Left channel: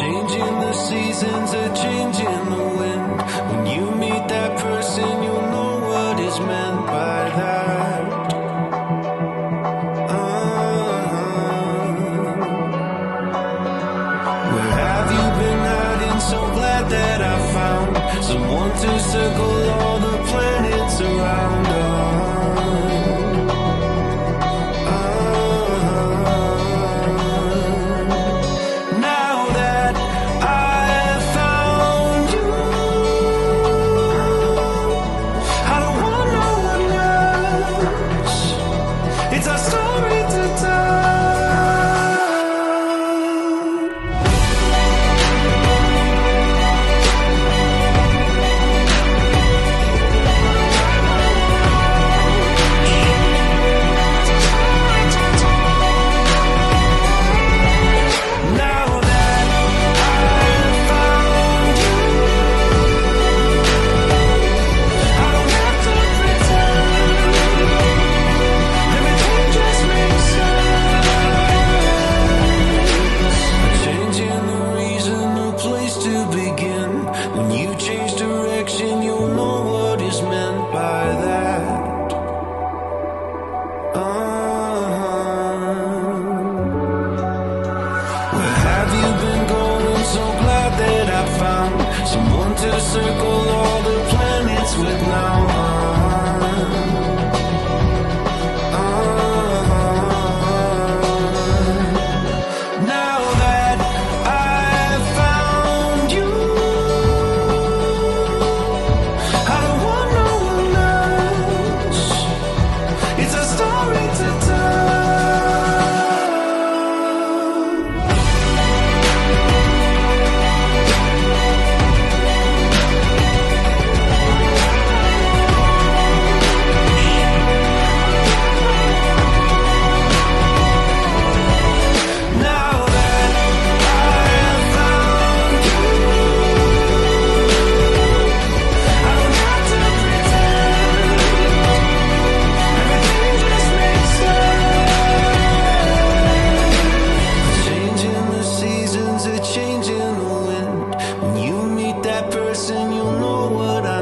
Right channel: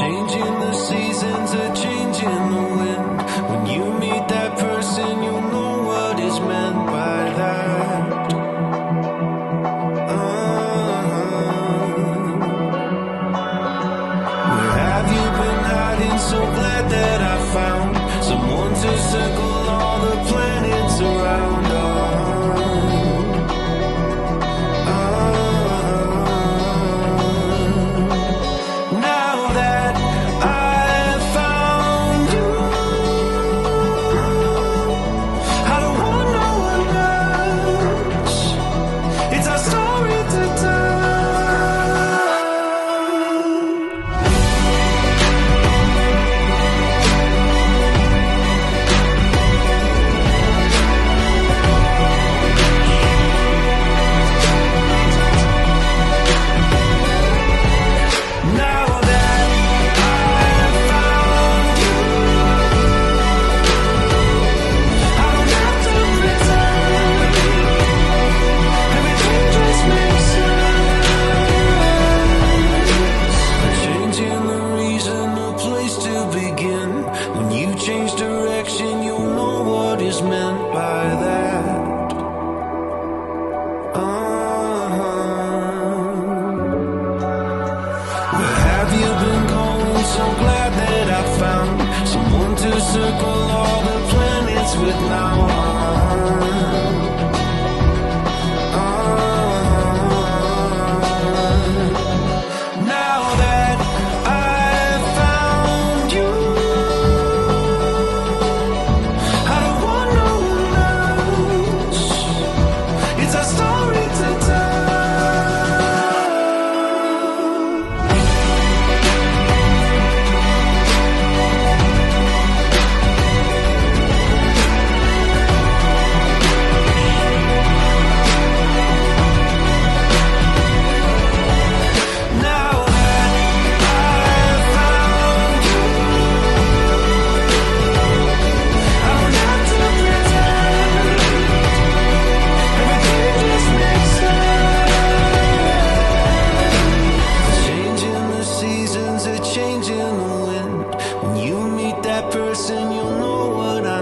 Changing the seasons, a change in the wind. When you meet that person, you'll know what is meant by that. Where have you been hiding? So glad that I found someone to circle all the planets around. Now that I've found you, I don't want no one else. It's our story to tell. When you change direction, you'll know what is meant by that. Where have you been going? So glad that I found someone to circle all the planets with now. Now that I've found you, I don't want no one else. It's a story to tell. Change in the wind. When you meet that person, you'll know what I